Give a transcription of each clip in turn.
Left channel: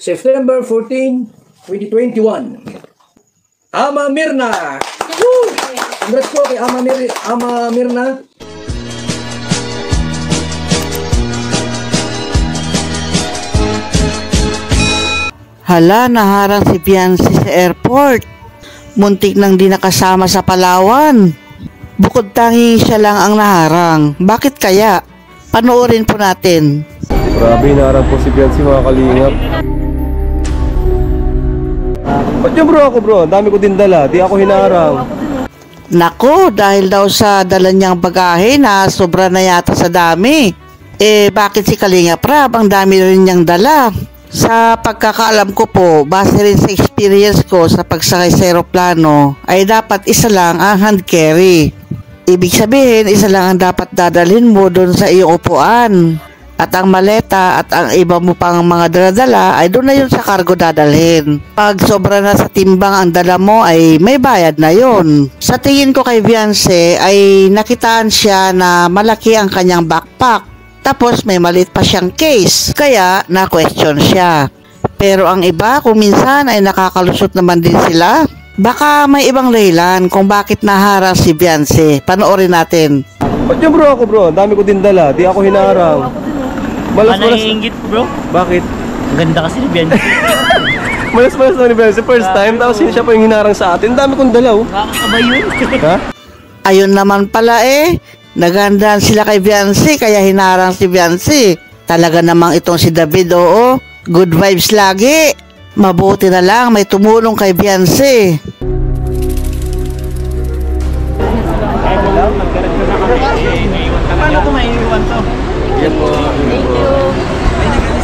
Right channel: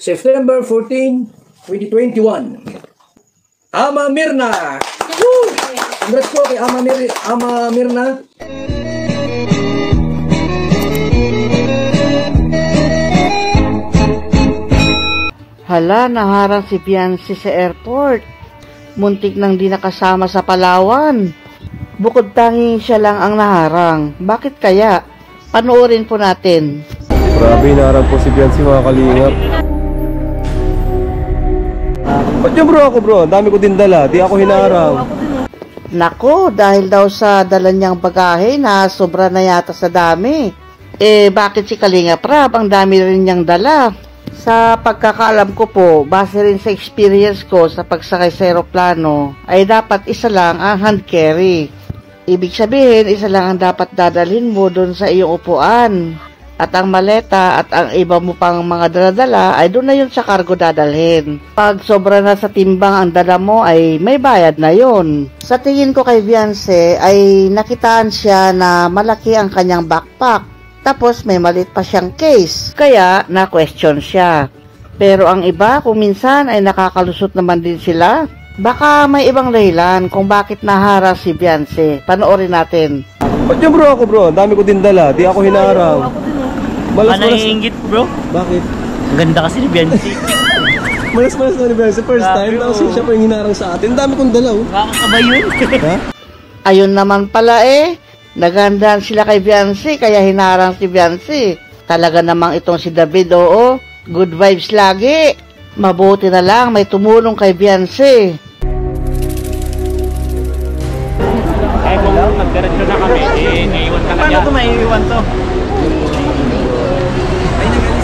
September 14, 2021. Ama Mirna! Woo! Congrats po kay Ama Mirna. Hala, naharang si Fiancé sa airport. Muntik nang di nakasama sa Palawan. Bukod tangi siya lang ang naharang. Bakit kaya? Panoorin po natin. Grabe, naharang po si Fiancé, mga kalingap. Ba't yung bro ako bro? Ang dami ko din dala, di ako hinarang. Nako, dahil daw sa dala niyang bagahe na sobra na yata sa dami. Bakit si Kalingap Rab ang dami rin niyang dala? Sa pagkakaalam ko po, base rin sa experience ko sa pagsakay sa aeroplano, ay dapat isa lang ang hand carry. Ibig sabihin, isa lang ang dapat dadalhin mo doon sa iyong upuan. At ang maleta at ang iba mo pang mga daladala ay doon na yun sa cargo dadalhin. Pag sobra na sa timbang ang dala mo ay may bayad na yun. Sa tingin ko kay Fiancé ay nakitaan siya na malaki ang kanyang backpack. Tapos may maliit pa siyang case. Kaya na-question siya. Pero ang iba kung minsan ay nakakalusot naman din sila. Baka may ibang dahilan kung bakit naharang si Fiancé. Panoorin natin. Ba't yung bro ako bro? Ang dami ko din dala, di ako hinarang. Naiingit bro. Bakit? Ang ganda kasi ni Fiancé. Malas-malas naman ni Fiancé. First time, tapos siya pa yung hinarang sa atin. Ang dami kong dala oh. Nakakabay yun. Ha? Ayun naman pala nagandaan sila kay Fiancé kaya hinarang si Fiancé. Talaga namang itong si David, oo. Good vibes lagi. Mabuti na lang may tumulong kay Fiancé. Ay kung nagdiretso na kami, naiiwan ka na. Paano ito maiiwan to?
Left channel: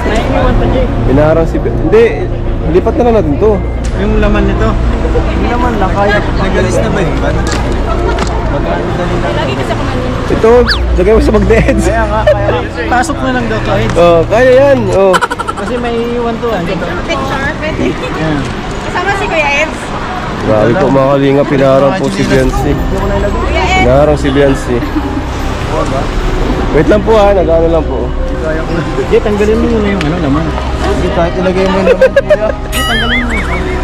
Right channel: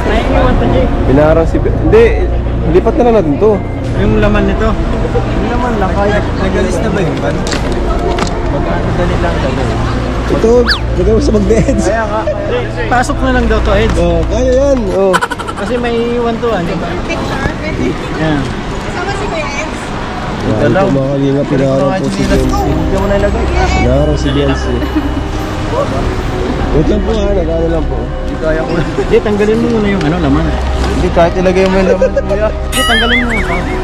Naiiwan to, Jay. Hinarang si... Hindi, lipat na lang natin to. Yung laman nito. Yung laman lang kaya. Nagalis na ba yun? Magdali lang. Ito, lagay mo sa magneeds. Kaya nga, pasok na lang daw to, Eds. Oh, kaya yan. Oh. Kasi may iwan to, Picture, pwede. Yan. Kasama si Kuya Eds. Grabe po mga kalingap, hinarang po si Fiancé. Hinarang si Fiancé. Wait lang po ha, nag-ano lang po. Jay, tanggalin mo muna yung laman. Hindi, kahit ilagay mo yung laman, kuya. Jay, tanggalin mo.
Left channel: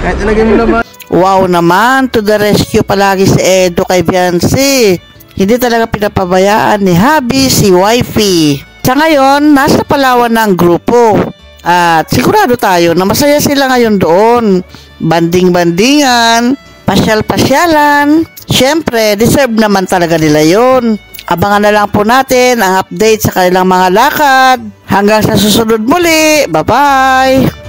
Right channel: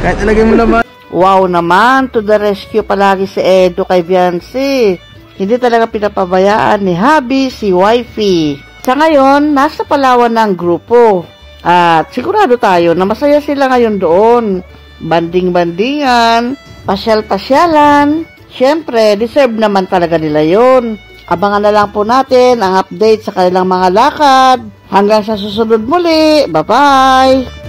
Kahit ilagay mo laman. Wow naman, to the rescue palagi si Edo kay Fiancé. Hindi talaga pinapabayaan ni Habi si Wifey. Sa ngayon, nasa Palawan na ang grupo. At sigurado tayo na masaya sila ngayon doon. Banding-bandingan, pasyal-pasyalan. Siyempre, deserve naman talaga nila yon. Abangan na lang po natin ang update sa kanilang mga lakad. Hanggang sa susunod muli. Bye-bye!